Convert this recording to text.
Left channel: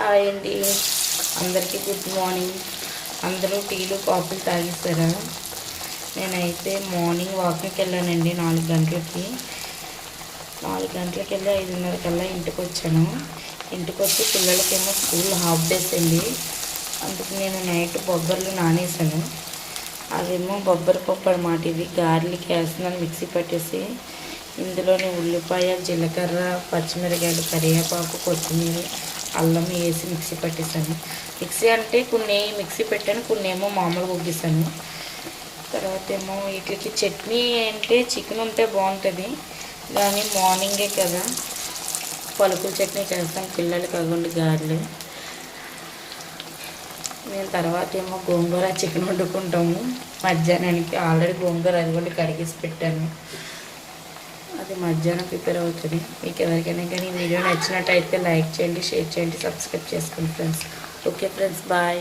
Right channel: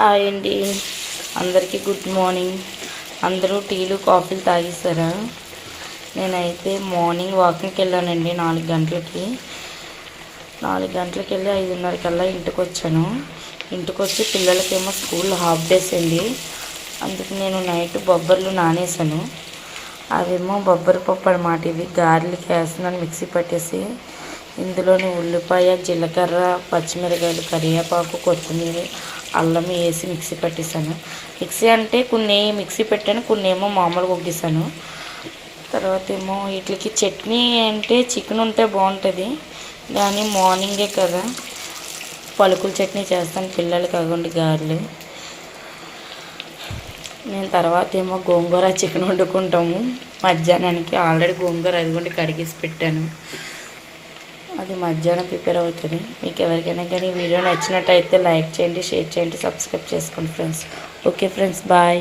Hi అండి, అందరికీ good morning. అందరూ టీలు కాఫీలు తాగేస్తారా? నేనైతే మార్నింగ్ వాకింగ్కి వెళ్ళానండి 4 గంటలకి. 4 గంటలకి వెళ్ళి 5:30 కల్లా ఇంటికి వచ్చాను. ఇంటికి వచ్చి పిల్లలకేమో స్కూల్ హాఫ్ డేస్ అండి. అందుకు నేను నైట్ బొబ్బర్లు నానేసాను. అవేమో బొబ్బరి పప్పు అన్నమాట. ఇది గారెలకి వేస్తున్నాను. మిక్సీ పట్టేసి ఇందులోని ఉల్లిపాయ, జీలకర్ర, పచ్చిమిరకాయలు, కరివేపాకు, కొత్తిమీర, అల్లం వేసి మిక్సీ పట్టేసాను. మిక్సీ అంటే కొన్ని మిక్సీ పెట్టాను, కొన్ని ఏమో మామూలుగా ఉగ్గిసాను. తర్వాత ఏమో వీటికి చట్నీ అంటే చికెన్ ఉంటే బాగుంటుంది, కానీ మార్నింగే కదా పలుకుల చట్నీ చేస్తాను పిల్లలకి. అవ్వండి గారెలు. నేను తర్వాత ఏమో గోంగూర చికెన్ వండుకుంటాము మధ్యాహ్నానికి. ఆల్రెడీ గోంగూర అదిగోండి కడిగేసి పెట్టాను. అది మధ్యాహ్నం ప్రిపేర్ అవుతుంది. మీకు ఎవరికైనా కానీ వీడియో నచ్చినట్టయితే లైక్ చేయండి, షేర్ చేయండి, సబ్స్క్రైబ్ చేసుకోండి ఫ్రెండ్స్. Okay friends, bye.